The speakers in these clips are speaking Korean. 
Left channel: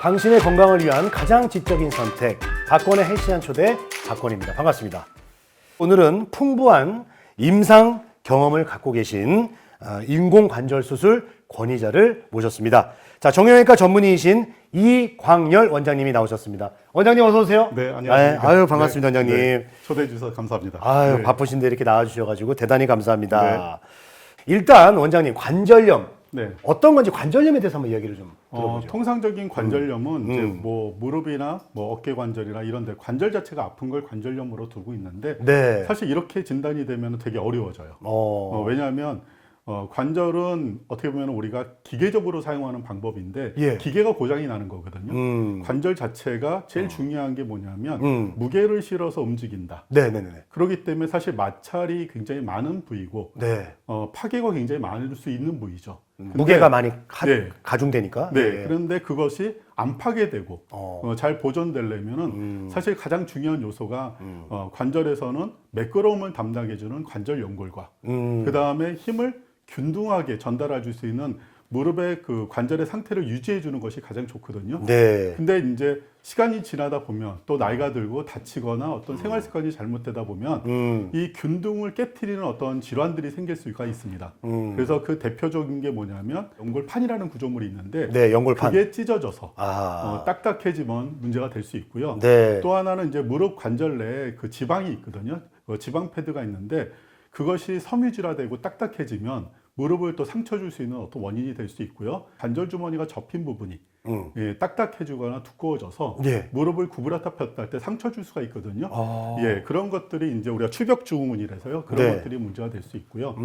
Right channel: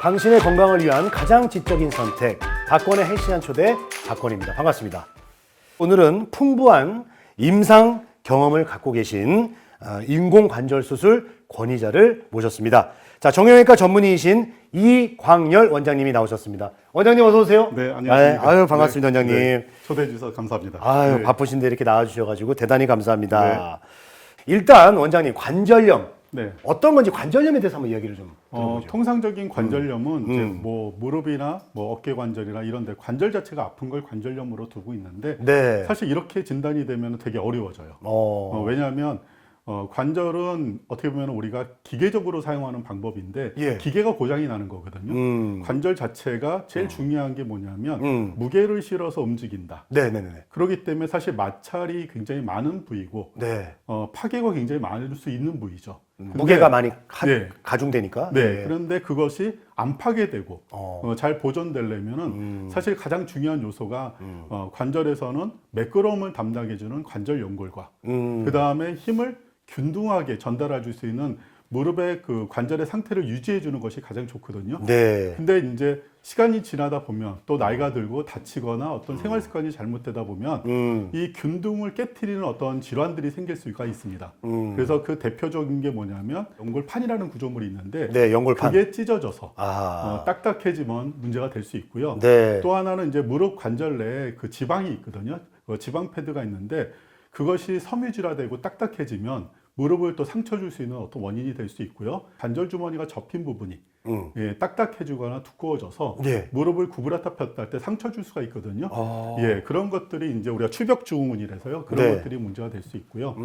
당신의 건강을 위한 가장 지적인 선택, 박건의 헬스한 초대 박건입니다. 반갑습니다. 오늘은 풍부한 임상 경험을 갖고 계신 인공관절 수술 권위자를 모셨습니다. 자, 정형외과 전문의이신 이광열 원장님이 나오셨습니다. 원장님 어서 오세요. 네, 안녕하세요. 아유, 반갑습니다, 원장님. 초대해 주셔서 감사합니다. 아유, 바쁘신데 이렇게 나와주셔가지고 대단히 감사합니다. 일단 원장님 관절염 네. 어떤 건지 관절염에 대해서 한번 이야기를 좀 들어보죠. 통상적인 관절염은 뭐 무릎이나 뭐 어깨 관절이나 이런 데 관절 자체가 아픈 걸 관절염으로 두고 있는데 네. 사실 이렇게 진단이 되면 되게 어려워져요. 왜냐하면 관절은 어떻게 보면 우리가 기계적으로 사용하는 방법인데 예. 기계가 고장이 나는 거거든요. 관절 자체가 제일 중요한 게 뭐냐면 무게를 실어서 움직인다. 네네네. 그렇기 때문에 사실 마찰이 굉장히 많은 부위고 네. 파괴가 굉장히 많을 수 있는 부위죠. 무게가 많이 네. 가중되니까. 네, 예. 그런데 그것이 안 파괴되고 잘 보존되려면 사실 가장 중요한 요소가 관절에서는 매끄러움을 담당해주는 관절 연골과 그 다음에 힘을 균등하게 전달해 줄 수 있는 무릎의 그 관절의 상태를 유지해 주는 것이 가장 좋거든요. 네. 근데 이제 시간이 지나다 보면 또 나이가 들고 다치거나 어떤 생활 습관이 잘못되다 보면 이 균등을 깨트리는 어떤 질환들이 생길 수가 있습니다. 그래서 그 대표적인 게 뭐냐면 연골판이라는 구조물이 있는데 네, 연골판. 이게 찢어져서 딱딱해지면 문제가 될 수 있고요. 네. 또 하나는 이제 무릎 관절 내에 그 지방이 있거든요. 지방 패드가 있는데 그것이 섬유질화되고 딱딱해지면 무릎을 또 상처 줄 수 있는 어떤 원인이 될 수 있고요. 관절 주머니가 접힌 부분이 딱딱해지거나 두꺼워져서 예. 무릎을 구부렸다 폈다 할 때 상처 줄 수가 있거든요. 예, 그런 것들이 이제 우리가 추격 증후군이라서요. 그런 네. 것들이 문제가 될 수 있고요.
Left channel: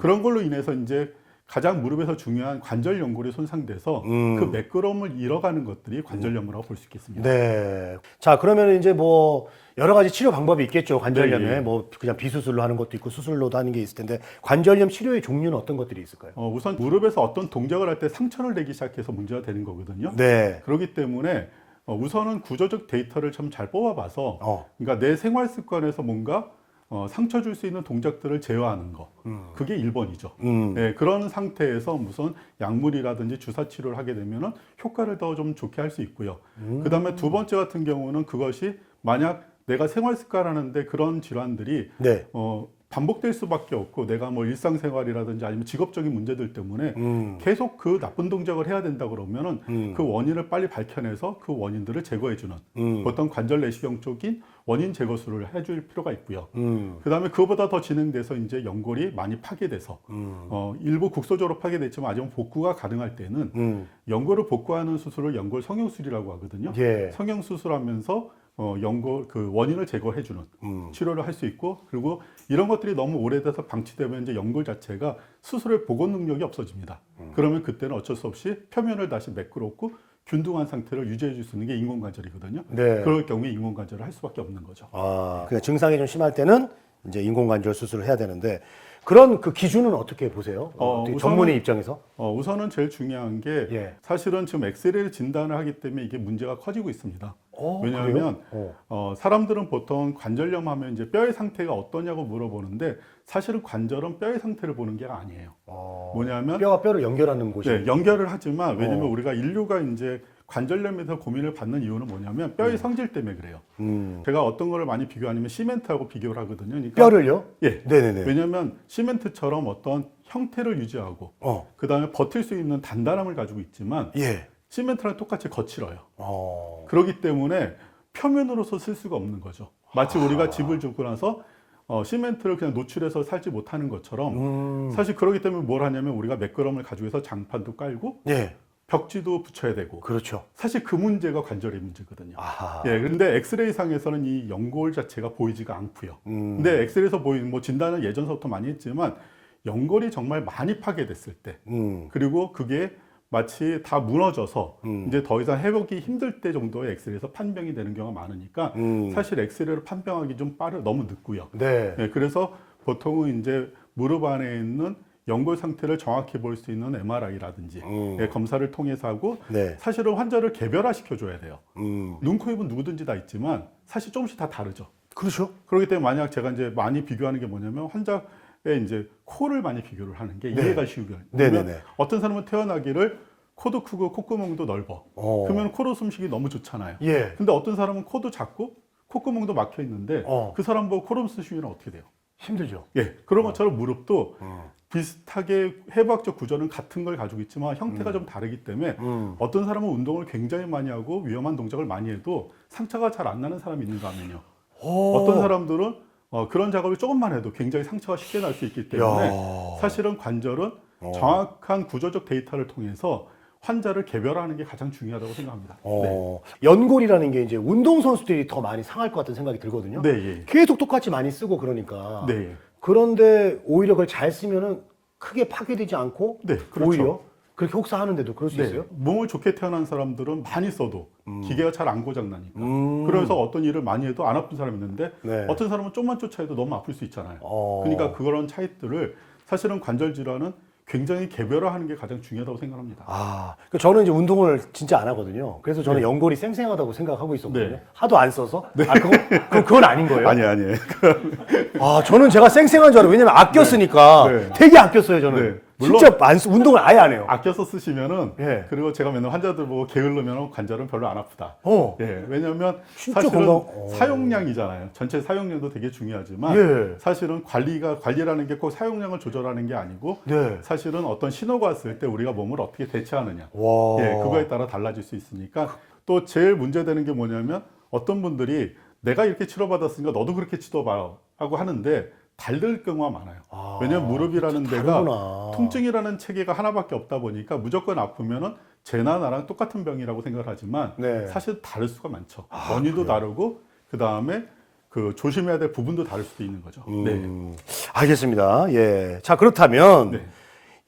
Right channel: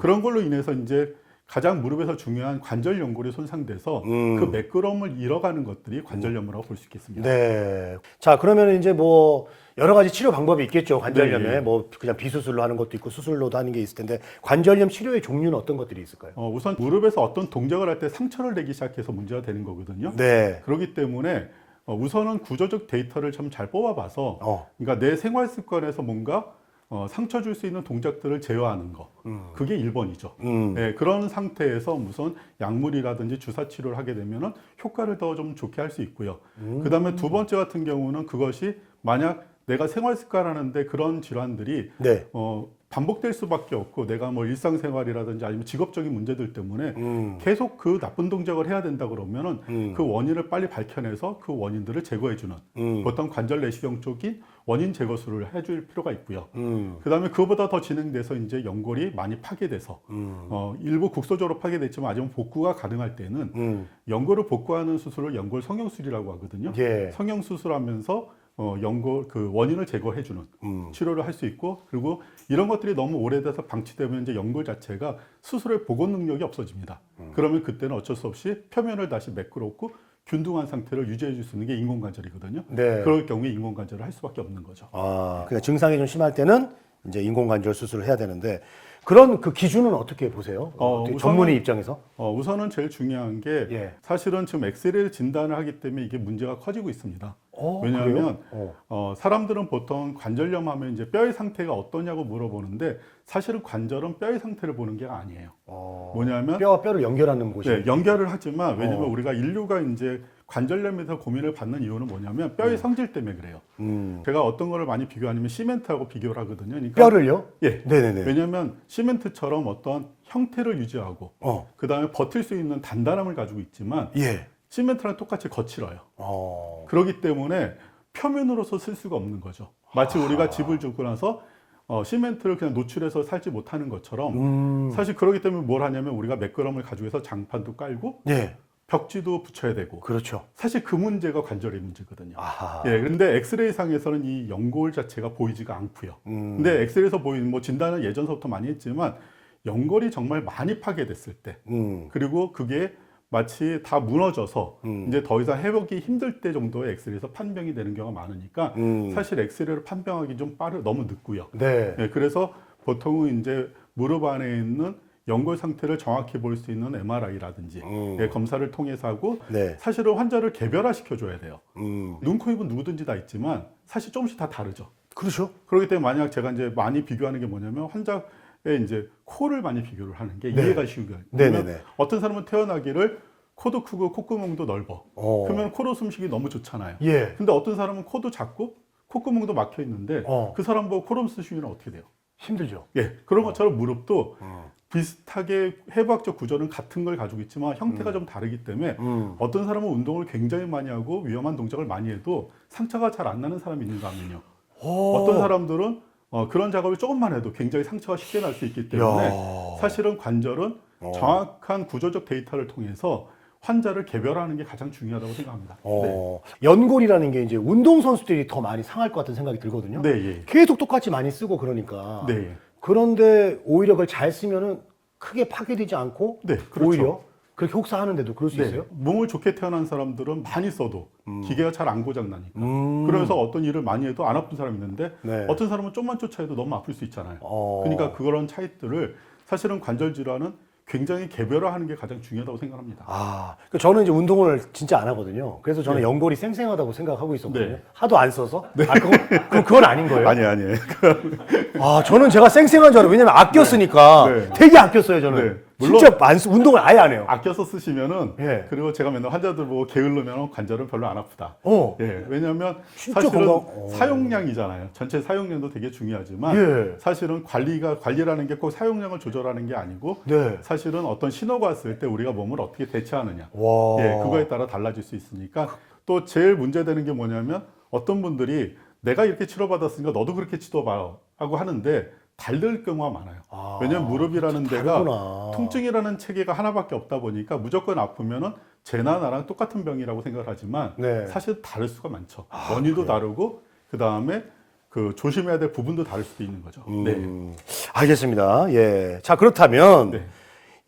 그런 걸로 인해서 이제 가장 무릎에서 중요한 관절 연골이 손상돼서 그 매끄러움을 잃어가는 것들이 관절염이라고 볼 수 있겠습니다. 네. 자, 그러면 이제 뭐 여러 가지 치료 방법이 있겠죠. 관절염에 뭐 그냥 비수술로 하는 것도 있고 수술로도 하는 게 있을 텐데 관절염 치료의 종류는 어떤 것들이 있을까요? 우선 무릎에서 어떤 동작을 할 때 상처를 내기 시작해서 문제가 되는 거거든요. 네. 그렇기 때문에 우선은 구조적 데이터를 좀 잘 뽑아봐서 그러니까 내 생활 습관에서 뭔가 상처 줄 수 있는 동작들을 제어하는 거. 그게 1번이죠. 네, 그런 상태에서 우선 약물이라든지 주사 치료를 하게 되면 효과를 더 좀 좋게 할 수 있고요. 그 다음에 두 번째 같은 경우는 그것이 만약 내가 생활 습관하는데 그런 질환들이 네. 반복될 수밖에 없고 내가 뭐 일상생활이라든지 아니면 직업적인 문제들 때문에 계속 그 나쁜 동작을 해야 된다 그러면은 그 원인을 빨리 밝혀내서 그 원인들을 제거해주는 어떤 관절 내시경 쪽이 원인 제거술을 해줄 필요가 있고요. 그 다음에 그보다 더 진행돼서 이제 연골이 많이 파괴돼서 일부 국소적으로 파괴됐지만 아직 복구가 가능할 때는 연골을 복구하는 수술을 연골 성형술이라고 하거든요. 예. 성형수술하면서 연골 그 원인을 제거해주는 치료를 할 수 있고 그리고 이런 것들이 너무 오래돼서 방치되면 이제 연골 자체가 수술의 복원 능력이 없어집니다. 그러면 그때는 어쩔 수 없이 표면을 다시 매끄럽고 균등한 상태를 유지해 줄 수 있는 게 인공관절이거든요. 네. 그럴 경우에 인공관절을 할 수밖에 없는 거죠. 그러니까 증상이 좀 심할 때는 이제 인공관절 수술을 해야 되는데 그런 그 기준은 어떻게 보세요? 어떻게 전문의 입장에서? 우선은 제일 중요한 게 예. 사실은 지금 엑스레이 진단을 하기 때문에 이게 문제가 커지고 있습니다. 그래요? 사람들은 보통 관절염 하면 이제 뼈의 상태가 어떠냐고 물어보는데 사실은 관절은 뼈의 상태를 보는 게 아니에요. 뭐냐면 뼈와 뼈를 연결하는 곳이에요. 네, 연결을 하지만 왜냐면 우리가 인류가 이제 관절염에서 고민을 받는 이유는 뭐냐면 뼈의 성질 때문에 그래요. 제가 어떤 거를 많이 비교하냐면 시멘트하고 비교를 하거든요. 그러니까 뼈를요? 예. 네네네. 왜냐면 시멘트처럼 어떤 형태를 유지하고 그 다음에 버틸 수 있는 단단함을 가지고 있지만 예. 시멘트랑 똑같이 거칠어요. 그렇기 때문에 표면으로서 쓸 수가 없는 거죠. 마치 우리가 집을 짓고 나서 시멘트를 그냥 노출해서 살지 못하는 것처럼 사실 그렇기 때문에 뭘 하냐면 우리가 매끄러움을 가지고 해서 장판도 깔고 예. 벽지도 붙여야 되고 그렇죠. 사실 그 문제가 관절의 문제거든요. 아하. 예, 그런데 엑스레이 상에서는 이 연골 자체가 보이지가 않고요. 근데 엑스레이에서 보이는 뭐 진단은 예전부터 많이 했지만 연골이 정말 많이 파괴됐을 때 그리고 그게 마치 다 무너져서 이제 더 이상 회복이 힘들 때 정도의 엑스레이에서 판명이 되는 경우가 많으니까 사실 엑스레이로 판명하기 좀 너무 늦고요. 네. 네, 그래서 보통은 이제 무릎 안에 있는 연골 상태를 정확히 볼 수 있는 MRI라든지 검사를 통해서 하고 네. 사실은 환자를 개별화시켜 줘야 돼요. 눈, 코, 입은 누구든지 다 있지만 사실 조금씩 다 다르죠. 그렇죠. 그렇기 때문에 만약 제가 이제 많이 비교하는 게 뭐냐면 환자의 이제 코를 많이 비교를 하는 게 네. 이해가 쉬운 거예요. 네네네. 어떤 사람은 태어나기를 코도 크고 콧구멍도 넓어. 어. 그러면 코로 숨쉬기 너무 좋잖아요. 예. 근데 어떤 사람은 코도 작고 콧구멍도 막혀 있는데 그 사람 보고 코로 숨쉬면 어떻게 돼요? 힘들죠. 예. 그런 것처럼 무릎도 어. 비슷하게 해부학적 구조는 같은 걸 가지고 있지만 형태가 좀 다르기 때문에 어떤 사람은 운동을 굉장히 많이 하고 위험한 동작을 많이 해도 상처가 잘 안 나는 사람이 있는가 하면요. 어떤 사람들은 그런 작업을 조금만 해도 굉장히 상처가 쉽게 날 수 있기 때문에 야. 사실은 관절은 정확한 구조적 데이터를 통해서 환자를 개별화하는 게 가장 중요하다고 생각합니다. 연골이라는 게 이제 운동선수들이 더 많이 상할 것 같은 생각이 들거든요. 네. 계속 똑같이 많이 쓰고 그러니까. 네. 그런데 오히려 그걸 잘 쓰면은 크게 파괴되지 않고 네. 오히려 그렇게 혹사하는데도 그럴 수 네. 있어요? 몸을 좋게 태어난 사람들은 많이 써도 기계가 잘 안 고장나니까. 음. 그래서 어떤 일을 많이 해도 안 아픈 사람이 있는데 네. 어떤 사람은 좀만 쫓아해도 너무 아플 수 있잖아요. 어. 그러니까 그런 차이들을 사실은 관절 질환은 굉장히 개별화하는 게 가장 중요하다고 생각합니다. 그러니까 저는 이제 운동을 진짜 안 하거든요. 그래서 저는 연골이 쌩쌩하다고 생각하고 있었거든요. 네. 하도 안 써서. 그건 아닌 거예요? 아니요. 저는 제가 쌩쌩한 줄 알아요. 왜냐면 아꼈으니까. 네. 되게 아꼈어요, 저는. 네. 진짜 운동을 아예 안 해요. 아껴서 쓰시면은 예. 그리고 제가 맨날 환자들 보고 게으르면 관절은 별로 안 아프다. 어. 예, 왜냐하면 진짜 건강. 사용량이잖아요. 전체 사용량도 되게 중요하지만 예. 사실은 관리라는 게 꼭 사용량을 조절하는 게 아니고 네. 사실은 어떤 신호가 왔을 때 우리가 몸을 어떻게 대처하느냐. 와. 예, 그거에 따라 달라질 수 있으니까 또 제일 문제되는 게 뭐냐면 어떤 분들이 내가 이렇게 치료받았으니까 너도 그렇게 치료봐요 하고 하는데 다를 경우가 많아요. 왜냐면 무릎이라는 다르구나. 통증이라는 체계가 하나밖에 없다 보니까 무조건 아프면은 쟤나 나랑 똑같은 병이라고 생각하지만 네. 사실 다를 수가 많죠. 원인도 다르고 그 다음에 그 조심해야 될 부분도 다를 수 있는 거죠. 네. 알겠습니다. 예. 자, 그렇다면 네.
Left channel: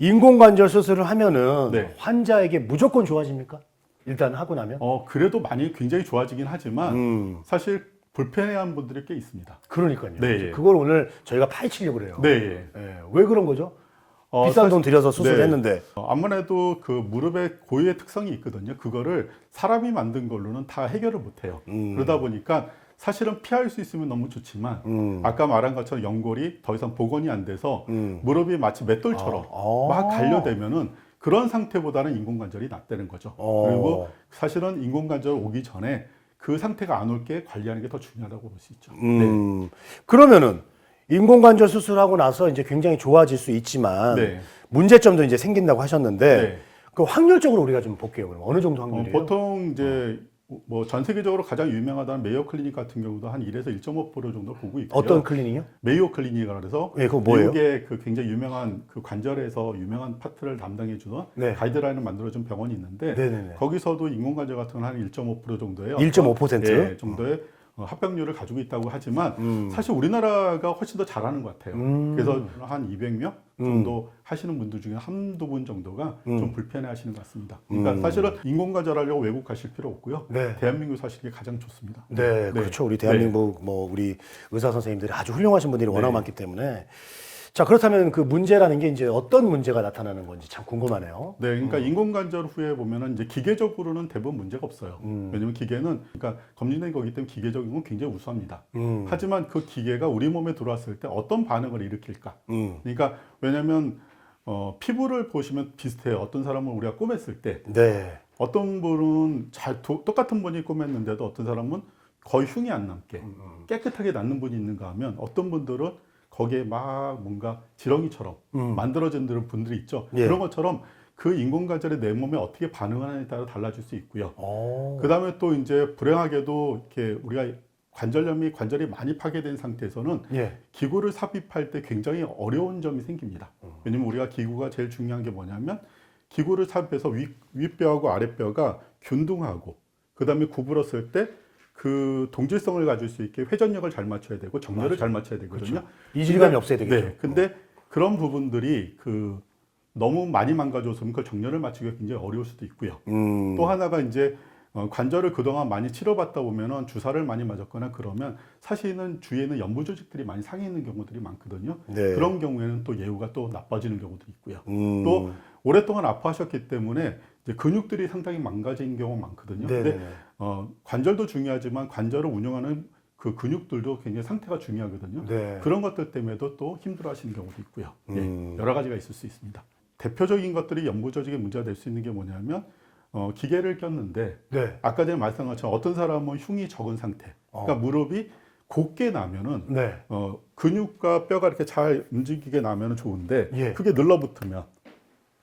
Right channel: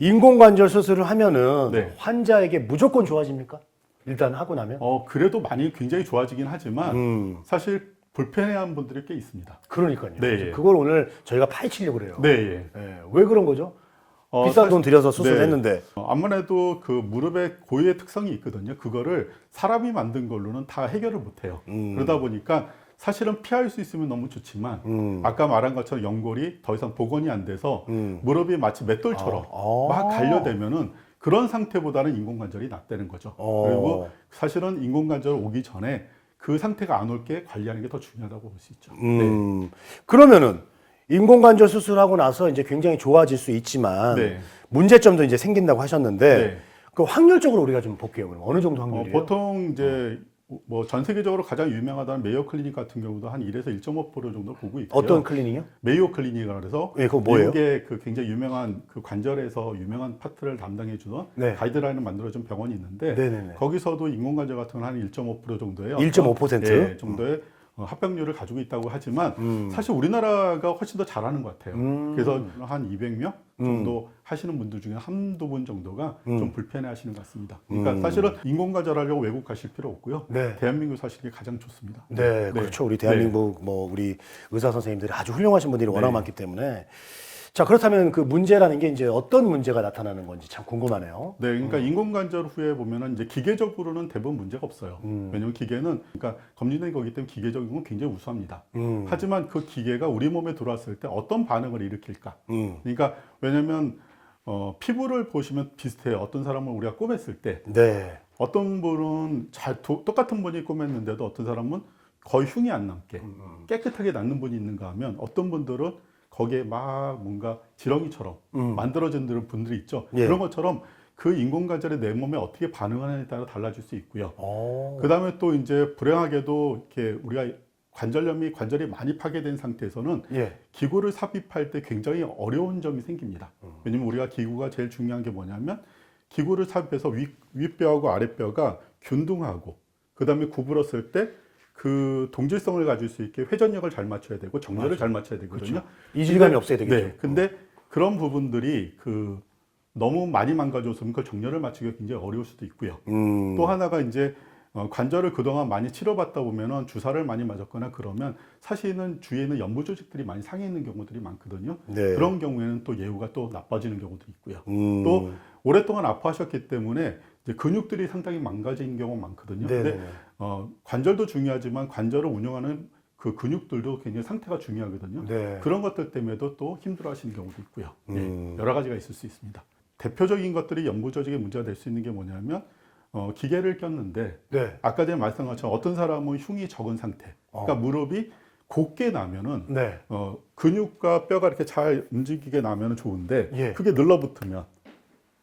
인공관절 수술을 하면은 네. 환자에게 무조건 좋아집니까? 일단 하고 나면? 그래도 많이 굉장히 좋아지긴 하지만 사실 불편해하는 분들이 꽤 있습니다. 그러니까요. 네. 그걸 오늘 저희가 파헤치려고 그래요. 네. 예. 왜 그런 거죠? 비싼 돈 들여서 수술을 네. 했는데. 아무래도 그 무릎의 고유의 특성이 있거든요. 그거를 사람이 만든 걸로는 다 해결을 못해요. 그러다 보니까 사실은 피할 수 있으면 너무 좋지만 아까 말한 것처럼 연골이 더 이상 복원이 안 돼서 무릎이 마치 맷돌처럼 막 단련되면은 그런 상태보다는 인공관절이 낫다는 거죠. 그리고 사실은 인공관절 오기 전에 그 상태가 안 올 게 관리하는 게 더 중요하다고 볼 수 있죠. 그러면은 인공관절 수술하고 나서 이제 굉장히 좋아질 수 있지만 네. 문제점도 이제 생긴다고 하셨는데 네. 그 확률적으로 우리가 좀 볼게요. 그럼 어느 정도 확률이에요? 보통 이제 뭐 전 세계적으로 가장 유명하다는 메이오 클리닉 같은 경우도 한 1에서 1.5% 정도 보고 있고요. 어떤 클리닉이요? 메이오 클리닉이라 그래서 예, 그거 뭐예요? 이게 그 굉장히 유명한 그 관절에서 유명한 파트를 담당해 주는 네. 가이드라인을 만들어 준 병원이 있는데 네네네. 거기서도 인공관절 같은 건 한 1.5% 정도예요. 1.5%? 네, 정도의 합병률을 가지고 있다고 하지만 사실 우리나라가 훨씬 더 잘하는 것 같아요. 그래서 한 200명 정도 하시는 분들 중에 한두 분 정도가 좀 불편해 하시는 것 같습니다. 그러니까 사실은 인공관절 하려고 외국 가실 필요 없고요. 네. 대한민국 사시는 게 가장 좋습니다. 네, 그렇죠. 우리 대한민국 뭐 우리 의사 선생님들이 아주 훌륭하신 분들이 워낙 많기 때문에 자, 그렇다면 그 문제라는 게 이제 어떤 문제가 나타나는 건지 참 궁금하네요. 네, 그러니까 인공관절 후에 보면은 이제 기계적으로는 대부분 문제가 없어요. 왜냐면 기계는 그러니까 검진된 거기 때문에 기계적인 건 굉장히 우수합니다. 하지만 그 기계가 우리 몸에 들어왔을 때 어떤 반응을 일으킬까? 그러니까 왜냐면 피부를 보시면 비슷해요. 어떤 사람은 우리가 꼬맸을 때 네. 어떤 분은 똑같은 분이 꼬맸는데도 어떤 사람은 거의 흉이 안 남게 깨끗하게 낫는 분이 있는가 하면 어떤 분들은 거기에 막 뭔가 지렁이처럼 만들어지는 분들이 있죠. 예. 그런 것처럼 그 인공관절이 내 몸에 어떻게 반응하느냐에 따라 달라질 수 있고요. 그 다음에 또 이제 불행하게도 이렇게 우리가 관절이 많이 파괴된 상태에서는 예. 기구를 삽입할 때 굉장히 어려운 점이 생깁니다. 왜냐면 우리가 기구가 제일 중요한 게 뭐냐면 기구를 삽입해서 윗뼈하고 아랫뼈가 균등하고 그 다음에 구부렸을 때 그 동질성을 가질 수 있게 회전력을 잘 맞춰야 되고 정렬을 잘 맞춰야 되거든요. 그렇죠. 이질감이 없어야 되겠죠. 네. 근데 그런 부분들이 그 너무 많이 망가져서 그 정렬을 맞추기가 굉장히 어려울 수도 있고요. 또 하나가 이제 관절을 그동안 많이 치료받다 보면은 주사를 많이 맞았거나 그러면 사실은 주위에는 연부 조직들이 많이 상해 있는 경우들이 많거든요. 네. 그런 경우에는 또 예후가 또 나빠지는 경우도 있고요. 또 오랫동안 아파하셨기 때문에 이제 근육들이 상당히 망가지는 경우가 많거든요. 네네네. 관절도 중요하지만 관절을 운영하는 그 근육들도 굉장히 상태가 중요하거든요. 네. 그런 것들 때문에도 또 힘들어하시는 경우도 있고요. 여러 가지가 있을 수 있습니다. 대표적인 것들이 연부 조직에 문제가 될 수 있는 게 뭐냐면 기계를 꼈는데 네. 아까 전에 말씀한 것처럼 어떤 사람은 흉이 적은 상태, 그러니까 무릎이 곧게 나면은 네. 근육과 뼈가 이렇게 잘 움직이게 나면은 좋은데 예. 그게 늘러붙으면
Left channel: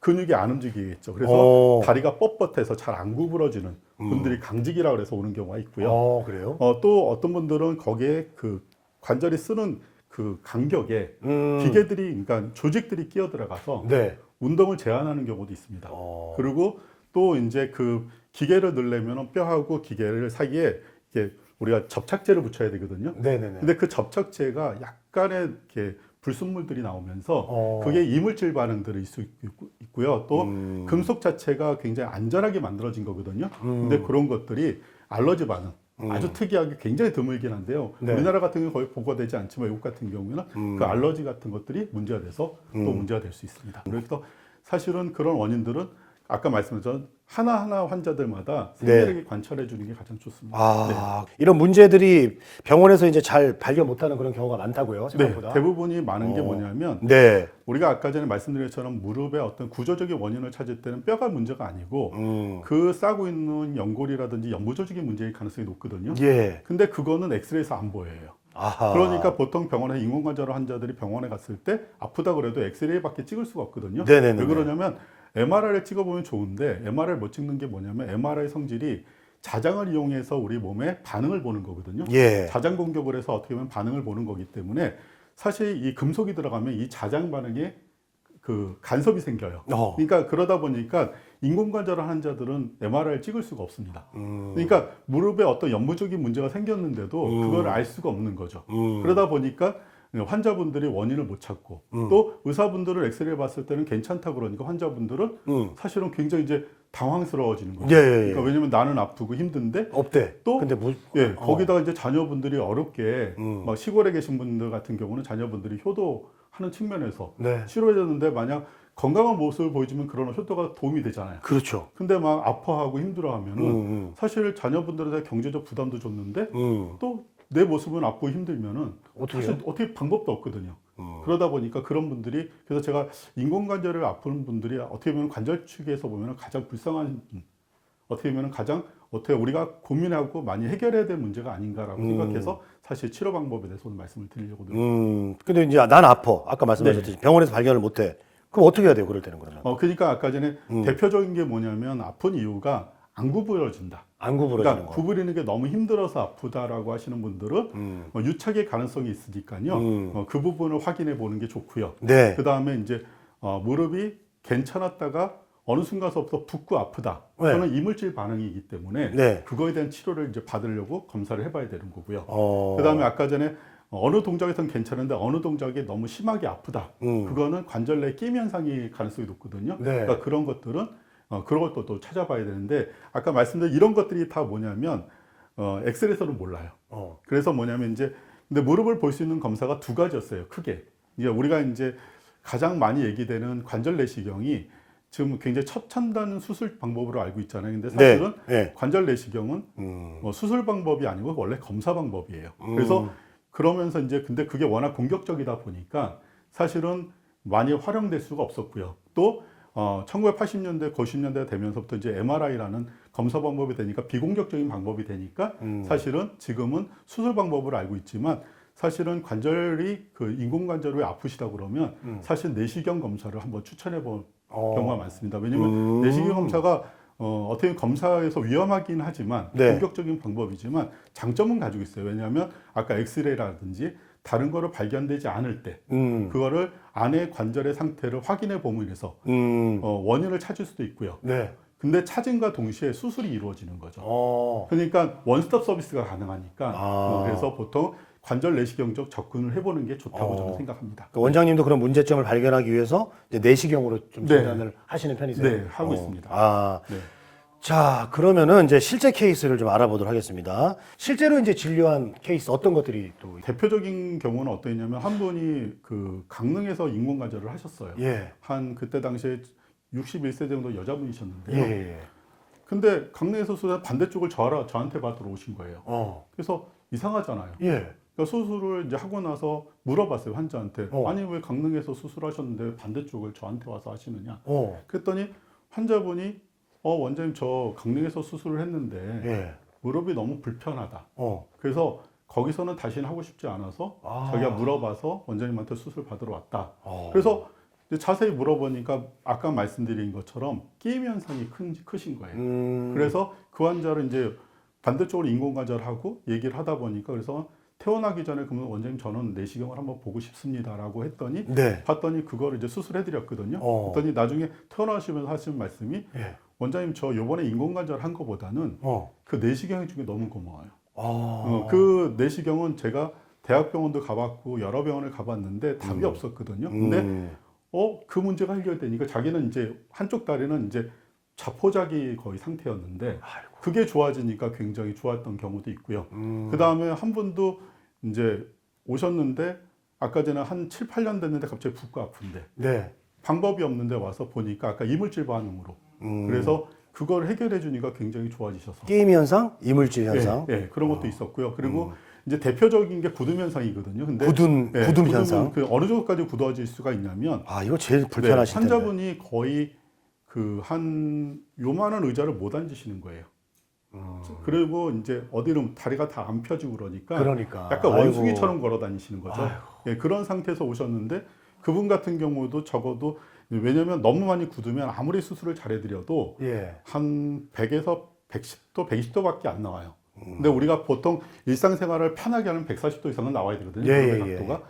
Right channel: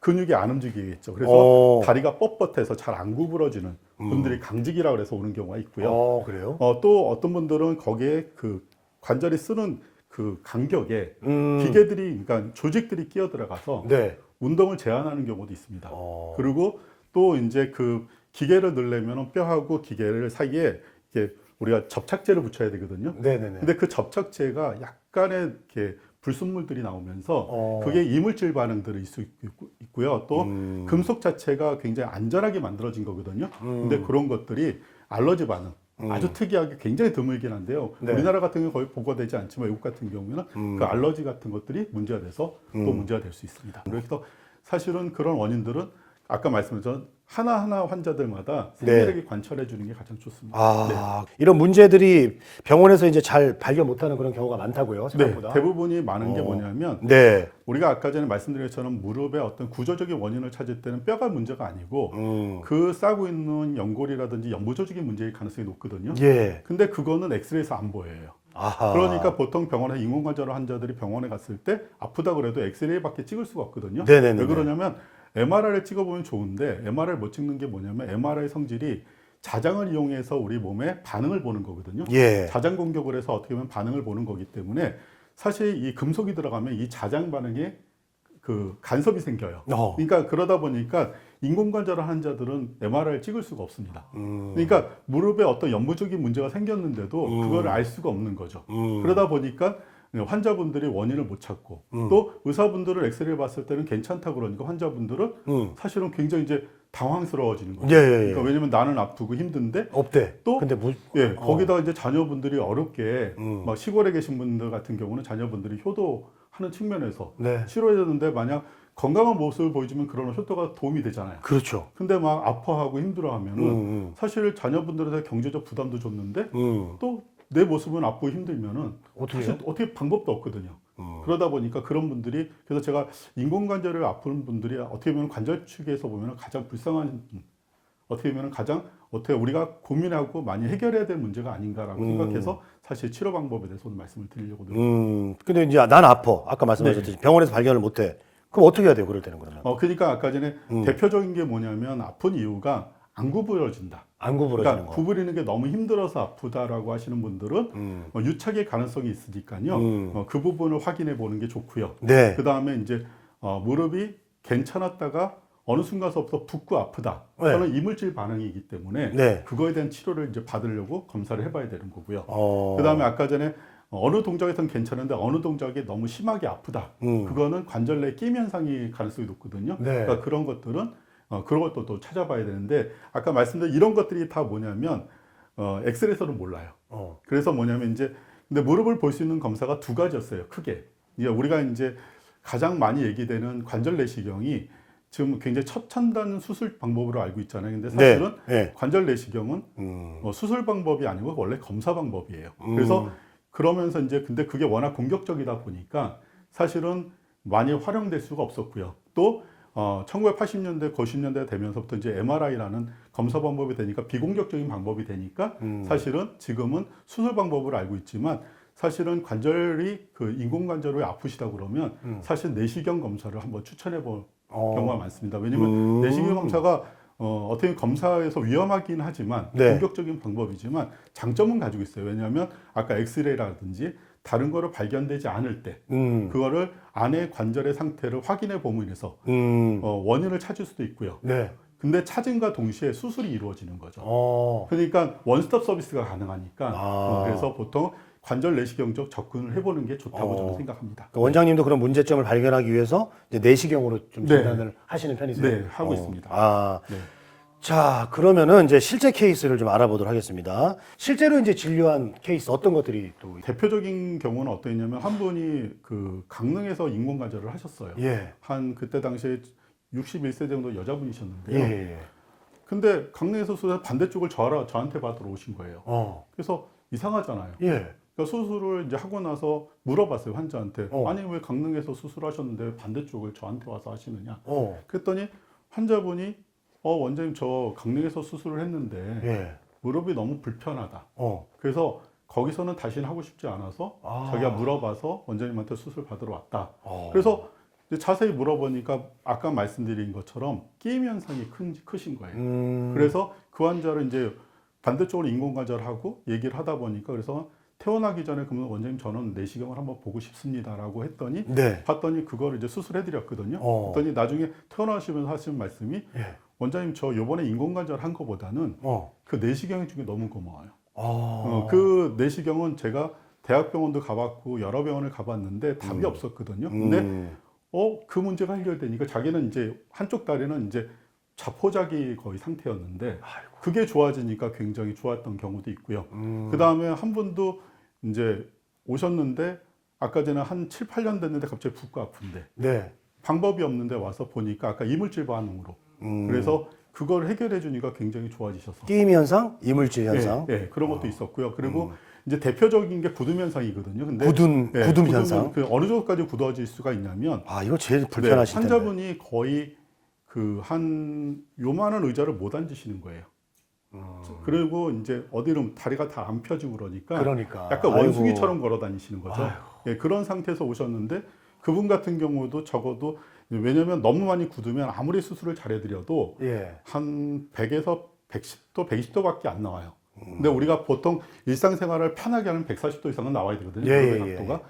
근육이 안 움직이겠죠. 어. 그래서 다리가 뻣뻣해서 잘 안 구부러지는 분들이 강직이라 그래서 오는 경우가 있고요. 그래요? 또 어떤 분들은 거기에 그 관절이 쓰는 그 간격에 음. 기계들이, 그러니까 조직들이 끼어 들어가서 네. 운동을 제한하는 경우도 있습니다. 그리고 또 이제 그 기계를 넣으려면 뼈하고 기계를 사이에 이렇게 우리가 접착제를 붙여야 되거든요. 네네네. 근데 그 접착제가 약간의 이렇게 불순물들이 나오면서 그게 이물질 반응들이 있고요. 또 금속 자체가 굉장히 안전하게 만들어진 거거든요. 근데 그런 것들이 알러지 반응 아주 특이하게 굉장히 드물긴 한데요. 네. 우리나라 같은 경우 거의 보고되지 않지만 외국 같은 경우는 그 알러지 같은 것들이 문제가 돼서 또 문제가 될 수 있습니다. 그래서 사실은 그런 원인들은 아까 말씀드렸던 하나하나 환자들마다 네. 상세하게 관찰해 주는 게 가장 좋습니다. 이런 문제들이 병원에서 이제 잘 발견 못하는 그런 경우가 많다고요, 생각보다. 네, 대부분이 많은 게 뭐냐면 네. 우리가 아까 전에 말씀드린 것처럼 무릎의 어떤 구조적인 원인을 찾을 때는 뼈가 문제가 아니고 그 싸고 있는 연골이라든지 연구 조직의 문제일 가능성이 높거든요. 예. 근데 그거는 엑스레이에서 안 보여요. 아하. 그러니까 보통 병원에 인공관절 환자들이 병원에 갔을 때 아프다 그래도 엑스레이밖에 찍을 수가 없거든요. 네네네네. 왜 그러냐면 MRI를 찍어보면 좋은데 MRI를 못 찍는 게 뭐냐면 MRI 성질이 자장을 이용해서 우리 몸에 반응을 보는 거거든요. 예. 자장 공격을 해서 어떻게 보면 반응을 보는 거기 때문에 사실 이 금속이 들어가면 이 자장 반응에 그 간섭이 생겨요. 그러니까 그러다 보니까 인공관절 환자들은 MRI를 찍을 수가 없습니다. 그러니까 무릎에 어떤 연부적인 문제가 생겼는데도 그걸 알 수가 없는 거죠. 그러다 보니까 환자분들이 원인을 못 찾고 또 의사분들을 엑스레이를 봤을 때는 괜찮다 그러니까 환자분들은 사실은 굉장히 이제 당황스러워지는 거예요. 예. 그러니까 왜냐면 나는 아프고 힘든데 없대. 또 근데 거기다가 이제 자녀분들이 어렵게 시골에 계신 분들 같은 경우는 자녀분들이 효도하는 측면에서 네. 치료해줬는데 만약 건강한 모습을 보여주면 그런 효도가 도움이 되잖아요. 그렇죠. 근데 막 아파하고 힘들어하면 사실 자녀분들한테 경제적 부담도 줬는데 또 내 모습은 아프고 힘들면은 어떻게 해요? 어떻게 방법도 없거든요. 그러다 보니까 그런 분들이, 그래서 제가 인공관절을 아픈 분들이 어떻게 보면 관절 측에서 보면 가장 불쌍한, 어떻게 보면 가장 어떻게 우리가 고민하고 많이 해결해야 될 문제가 아닌가라고 생각해서 사실 치료 방법에 대해서 오늘 말씀을 드리려고. 근데 이제 난 아파. 아까 말씀하셨듯이 병원에서 발견을 못 해. 그럼 어떻게 해야 돼요? 그럴 때는 그러면? 그러니까 아까 전에 대표적인 게 뭐냐면 아픈 이유가 안 구부러진다. 안 구부러지는 그러니까 거. 구부리는 게 너무 힘들어서 아프다라고 하시는 분들은 유착의 가능성이 있으니까요. 그 부분을 확인해 보는 게 좋고요. 네. 그 다음에 이제 무릎이 괜찮았다가 어느 순간서부터 붓고 아프다. 네. 그거는 이물질 반응이기 때문에 네. 그거에 대한 치료를 이제 받으려고 검사를 해봐야 되는 거고요. 어. 그 다음에 아까 전에 어느 동작에선 괜찮은데 어느 동작이 너무 심하게 아프다. 그거는 관절 내 끼임 현상이 가능성이 높거든요. 네. 그러니까 그런 것들은 그런 것도 또 찾아봐야 되는데 아까 말씀드린 이런 것들이 다 뭐냐면 엑스레이에서는 몰라요. 그래서 뭐냐면 이제 근데 무릎을 볼 수 있는 검사가 두 가지였어요. 크게. 우리가 이제 가장 많이 얘기되는 관절 내시경이 지금 굉장히 최첨단 수술 방법으로 알고 있잖아요. 근데 네. 사실은 네. 관절 내시경은 수술 방법이 아니고 원래 검사 방법이에요. 그래서 그러면서 이제 근데 그게 워낙 공격적이다 보니까 사실은 많이 활용될 수가 없었고요. 또 1980년대, 90년대 되면서부터 이제 MRI라는 검사 방법이 되니까 비공격적인 방법이 되니까 사실은 지금은 수술 방법을 알고 있지만 사실은 관절이 그 인공관절이 아프시다 그러면 사실 내시경 검사를 한번 추천해 볼 경우가 많습니다. 왜냐하면 내시경 검사가 어떻게 검사에서 위험하긴 하지만 네. 공격적인 방법이지만 장점은 가지고 있어요. 왜냐하면 아까 엑스레이라든지 다른 거로 발견되지 않을 때 그거를 안의 관절의 상태를 확인해 봄으로써 원인을 찾을 수도 있고요. 네. 근데 찾음과 동시에 수술이 이루어지는 거죠. 그러니까 원스톱 서비스가 가능하니까 그래서 보통 관절 내시경 쪽 접근을 해보는 게 좋다고 생각합니다. 그 원장님도 그런 문제점을 발견하기 위해서 이제 내시경으로 좀 진단을 하시는 편이세요? 네, 하고 있습니다. 자, 그러면은 이제 실제 케이스를 좀 알아보도록 하겠습니다. 실제로 이제 진료한 케이스 어떤 것들이 또 대표적인 경우는 어떠냐면 한 분이 그 강릉에서 인공관절을 하셨어요. 예. 한 그때 당시에 61세 정도 여자분이셨는데. 예. 근데 강릉에서 반대쪽을 저한테 받으러 오신 거예요. 그래서 이상하잖아요. 예. 그러니까 수술을 이제 하고 나서 물어봤어요, 환자한테. 아니 왜 강릉에서 수술하셨는데 반대쪽을 저한테 와서 하시느냐. 그랬더니 환자분이 원장님 저 강릉에서 수술을 했는데 예. 무릎이 너무 불편하다. 그래서 거기서는 다시는 하고 싶지 않아서 자기가 물어봐서 원장님한테 수술 받으러 왔다. 그래서 자세히 물어보니까 아까 말씀드린 것처럼 끼임 현상이 크신 거예요. 그래서 그 환자를 이제 반대쪽으로 인공관절하고 얘기를 하다 보니까 그래서 퇴원하기 전에 그러면 원장님 저는 내시경을 한번 보고 싶습니다라고 했더니 네. 봤더니 그걸 이제 수술해드렸거든요. 그랬더니 나중에 퇴원하시면서 하신 말씀이 예. 원장님 저 요번에 인공관절 한 거보다는 그 내시경이 중에 너무 고마워요. 그 내시경은 제가 대학병원도 가봤고 여러 병원을 가봤는데 답이 없었거든요. 근데 그 문제가 해결되니까 자기는 이제 한쪽 다리는 이제 자포자기 거의 상태였는데 그게 좋아지니까 굉장히 좋았던 경우도 있고요. 그 다음에 한 분도 이제 오셨는데 아까 전에 한 7, 8년 됐는데 갑자기 붓고 아픈데 네. 방법이 없는데 와서 보니까 아까 이물질 반응 거 그래서 그걸 해결해 주니까 굉장히 좋아지셨어요. 끼임 현상, 이물질 현상. 네, 그런 것도 있었고요. 그리고 이제 대표적인 게 굳음 현상이거든요. 근데 굳음 현상. 어느 정도까지 굳어질 수가 있냐면 이거 제일 불편하실 텐데. 환자분이 거의 그 한 요만한 의자를 못 앉으시는 거예요. 그리고 이제 어디는 다리가 다 안 펴지고 그러니까 약간 원숭이처럼 걸어 다니시는 거죠. 네, 그런 상태에서 오셨는데 그분 같은 경우도 적어도 왜냐면 너무 많이 굳으면 아무리 수술을 잘해드려도 한 100에서 110도, 120도밖에 안 나와요. 근데 우리가 보통 일상생활을 편하게 하면 140도 이상은 나와야 되거든요.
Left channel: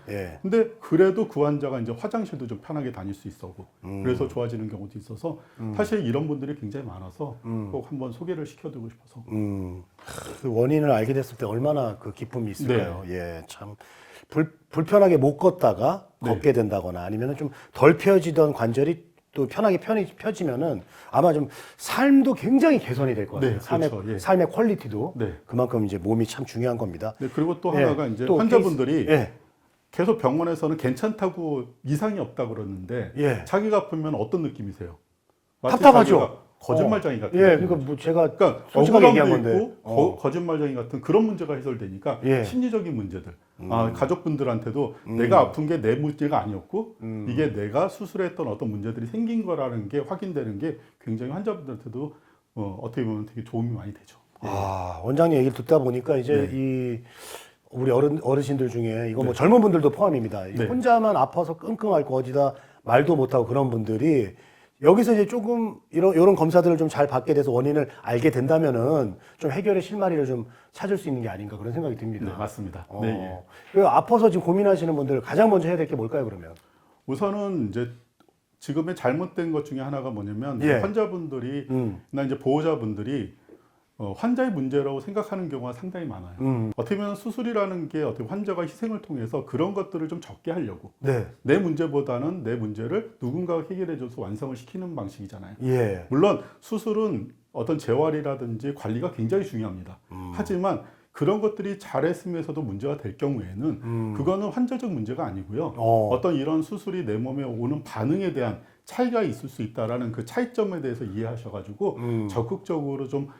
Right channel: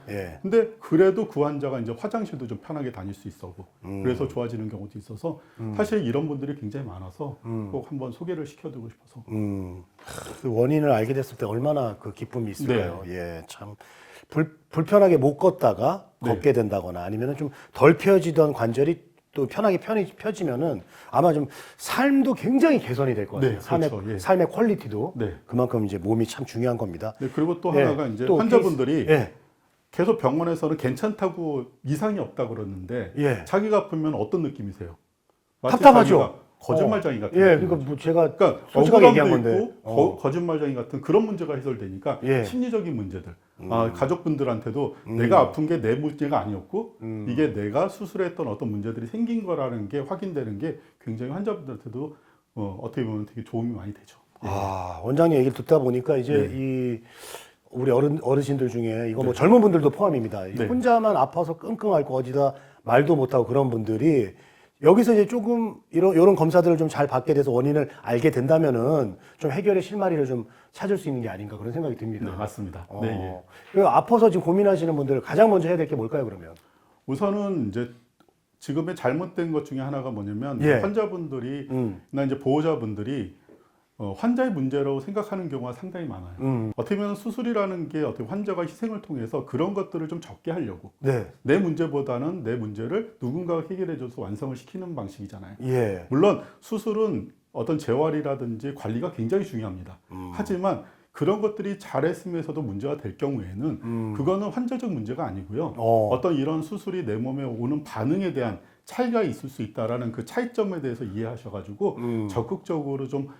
예. 근데 그래도 그 환자가 이제 화장실도 좀 편하게 다닐 수 있었고 그래서 좋아지는 경우도 있어서 사실 이런 분들이 굉장히 많아서 꼭 한번 소개를 시켜드리고 싶어서. 그 원인을 알게 됐을 때 얼마나 그 기쁨이 있을까요? 참 불편하게 못 걷다가 걷게 된다거나 아니면 좀 덜 펴지던 관절이 또 편하게 펴지면은 아마 좀 삶도 굉장히 개선이 될 것 같아요. 삶의 퀄리티도 그만큼 이제 몸이 참 중요한 겁니다. 그리고 또 하나가 이제 또 환자분들이 계속 병원에서는 괜찮다고 이상이 없다 그러는데 자기가 아프면 어떤 느낌이세요? 답답하죠. 거짓말쟁이 같은. 그러니까 뭐 제가 솔직하게 얘기한 건데 거짓말쟁이 같은 그런 문제가 해결되니까 심리적인 문제들. 가족분들한테도 내가 아픈 게 내 문제가 아니었고 이게 내가 수술했던 어떤 문제들이 생긴 거라는 게 확인되는 게 굉장히 환자분들한테도 어떻게 보면 되게 도움이 많이 되죠. 원장님 얘기를 듣다 보니까 이제 이 우리 어르신들 중에 이거 뭐 젊은 분들도 포함입니다. 혼자만 아파서 끙끙 앓고 어디다 말도 못하고 그런 분들이 여기서 이제 조금 이런 검사들을 좀 잘 받게 돼서 원인을 알게 된다면은 좀 해결의 실마리를 좀 찾을 수 있는 게 아닌가 그런 생각이 듭니다. 네, 맞습니다. 그 아파서 지금 고민하시는 분들 가장 먼저 해야 될 게 뭘까요, 그러면? 우선은 이제 지금의 잘못된 것 중에 하나가 뭐냐면 환자분들이 나 이제 보호자분들이 환자의 문제로 생각하는 경우가 상당히 많아요. 어떻게 보면 수술이라는 게 어떻게 환자가 희생을 통해서 그런 것들을 좀 적게 하려고 내 문제보다는 내 문제를 누군가가 해결해줘서 완성을 시키는 방식이잖아요. 물론 수술은 어떤 재활이라든지 관리가 굉장히 중요합니다. 하지만 그런 것들이 잘했으면서도 문제가 될 경우에는 그거는 환자적 문제가 아니고요. 어떤 이런 수술이 내 몸에 오는 반응에 대한 차이가 있을 수 있다라는 그 차이점에 대해서 이해하셔가지고 적극적으로 좀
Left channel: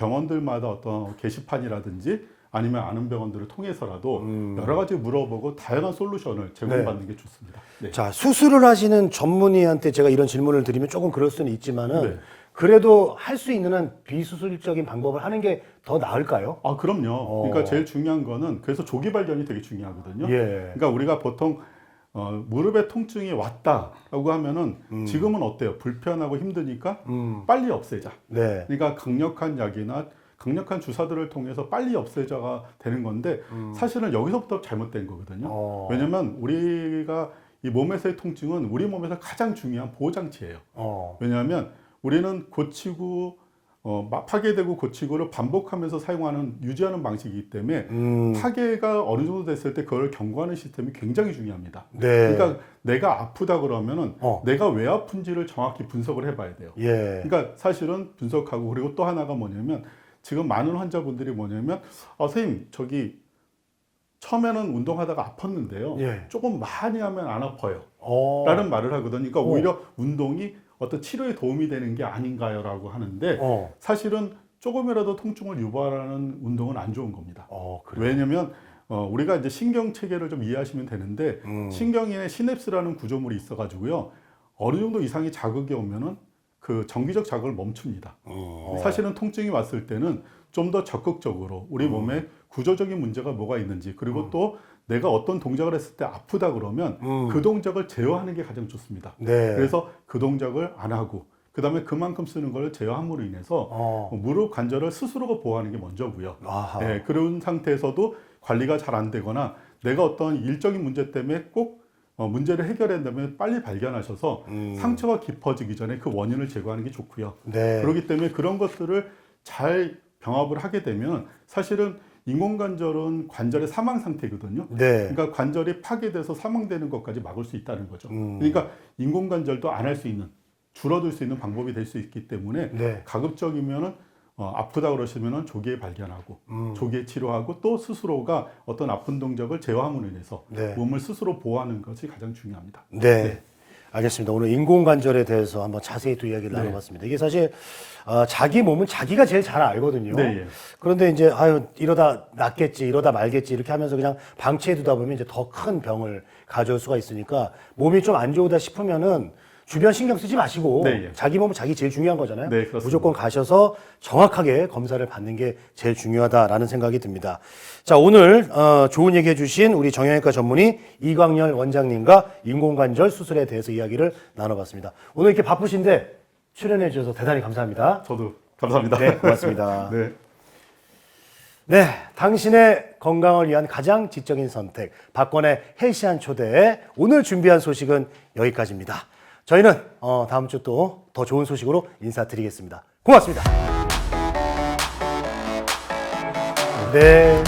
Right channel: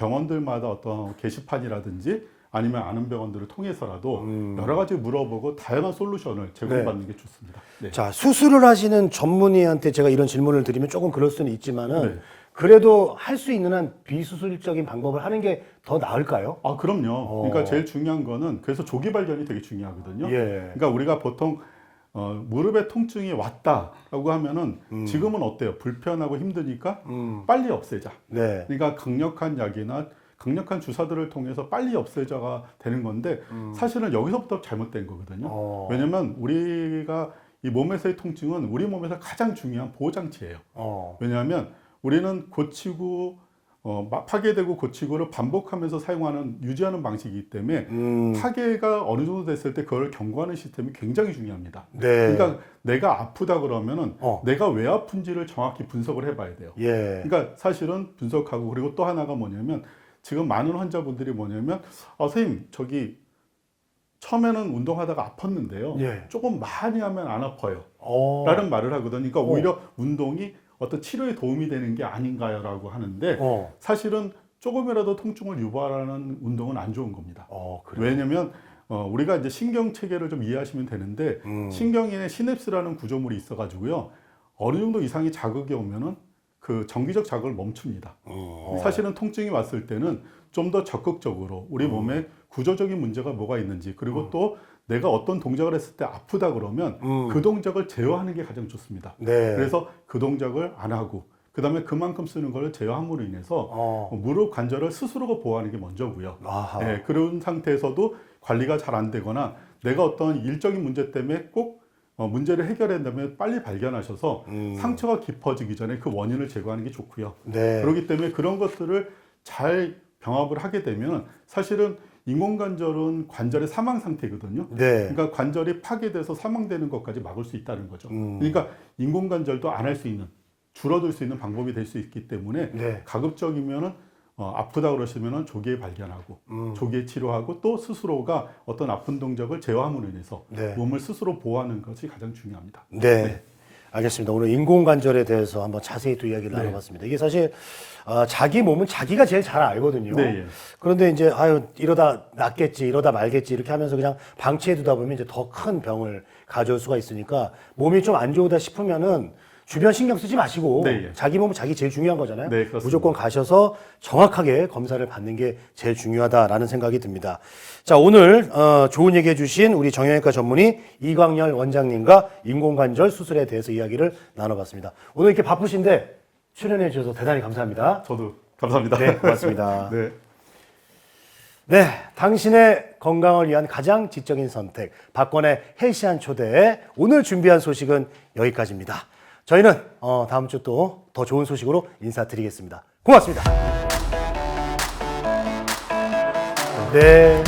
병원들마다 어떤 게시판이라든지 아니면 아는 병원들을 통해서라도 여러 가지 물어보고 다양한 솔루션을 제공받는 게 좋습니다. 자, 수술을 하시는 전문의한테 제가 이런 질문을 드리면 조금 그럴 수는 있지만은 그래도 할 수 있는 한 비수술적인 방법을 하는 게 더 나을까요? 그럼요. 그러니까 제일 중요한 거는 그래서 조기 발견이 되게 중요하거든요. 그러니까 우리가 보통 무릎에 통증이 왔다라고 하면은 지금은 어때요? 불편하고 힘드니까 빨리 없애자. 그러니까 강력한 약이나 강력한 주사들을 통해서 빨리 없애자가 되는 건데 사실은 여기서부터 잘못된 거거든요. 왜냐면 우리가 이 몸에서의 통증은 우리 몸에서 가장 중요한 보호장치예요. 왜냐하면 우리는 고치고 파괴되고 고치고를 반복하면서 사용하는 유지하는 방식이기 때문에 파괴가 어느 정도 됐을 때 그걸 경고하는 시스템이 굉장히 중요합니다. 그러니까 내가 아프다 그러면은 내가 왜 아픈지를 정확히 분석을 해봐야 돼요. 그러니까 사실은 분석하고 그리고 또 하나가 뭐냐면 지금 많은 환자분들이 뭐냐면 선생님 저기 처음에는 운동하다가 아팠는데요. 조금 많이 하면 안 아파요. 라는 말을 하거든요. 그러니까 오히려 운동이 어떤 치료에 도움이 되는 게 아닌가요라고 하는데 사실은 조금이라도 통증을 유발하는 운동은 안 좋은 겁니다. 왜냐면 우리가 이제 신경 체계를 좀 이해하시면 되는데 신경에 시냅스라는 구조물이 있어가지고요. 어느 정도 이상의 자극이 오면은 그 정기적 자극을 멈춥니다. 사실은 통증이 왔을 때는 좀 더 적극적으로 우리 몸에 구조적인 문제가 뭐가 있는지 그리고 또 내가 어떤 동작을 했을 때 아프다 그러면 그 동작을 제어하는 게 가장 좋습니다. 네. 그래서 그 동작을 안 하고 그다음에 그만큼 쓰는 걸 제어함으로 인해서 무릎 관절을 스스로가 보호하는 게 먼저고요. 네, 그런 상태에서도 관리가 잘 안 되거나 내가 어떤 일적인 문제 때문에 꼭 문제를 해결한다면 빨리 발견하셔서 상처가 깊어지기 전에 그 원인을 제거하는 게 좋고요. 네. 그렇기 때문에 그런 것들을 잘 경합을 하게 되면 사실은 인공관절은 관절의 사망 상태거든요. 네. 그러니까 관절이 파괴돼서 사망되는 것까지 막을 수 있다는 거죠. 그러니까 인공관절도 안 할 수 있는 줄어들 수 있는 방법이 될 수 있기 때문에 네. 가급적이면은 아프다 그러시면은 조기에 발견하고 조기에 치료하고 또 스스로가 어떤 아픈 동작을 제어함으로 인해서 네. 몸을 스스로 보호하는 것이 가장 중요합니다. 네. 알겠습니다. 오늘 인공관절에 대해서 한번 자세히 또 이야기를 나눠봤습니다. 이게 사실 자기 몸은 자기가 제일 잘 알거든요. 네, 예. 그런데 이제 아유 이러다 낫겠지, 이러다 말겠지 이렇게 하면서 그냥 방치해두다 보면 이제 더 큰 병을 가져올 수가 있으니까 몸이 좀 안 좋다 싶으면은 주변 신경 쓰지 마시고 네, 예. 자기 몸은 자기 제일 중요한 거잖아요. 네, 그렇습니다. 무조건 가셔서 정확하게 검사를 받는 게 제일 중요하다라는 생각이 듭니다. 자, 오늘 좋은 얘기 해주신 우리 정형외과 전문의 이광열 원장님과 인공관절 수술에 대해서 이야기를 나눠봤습니다. 오늘 이렇게 바쁘신데 출연해 주셔서 대단히 감사합니다. 저도 감사합니다. 네, 고맙습니다. 네. 네, 당신의 건강을 위한 가장 지적인 선택, 박권의 헬시한 초대. 오늘 준비한 소식은 여기까지입니다. 저희는 다음 주 또 더 좋은 소식으로 인사드리겠습니다. 고맙습니다. 네.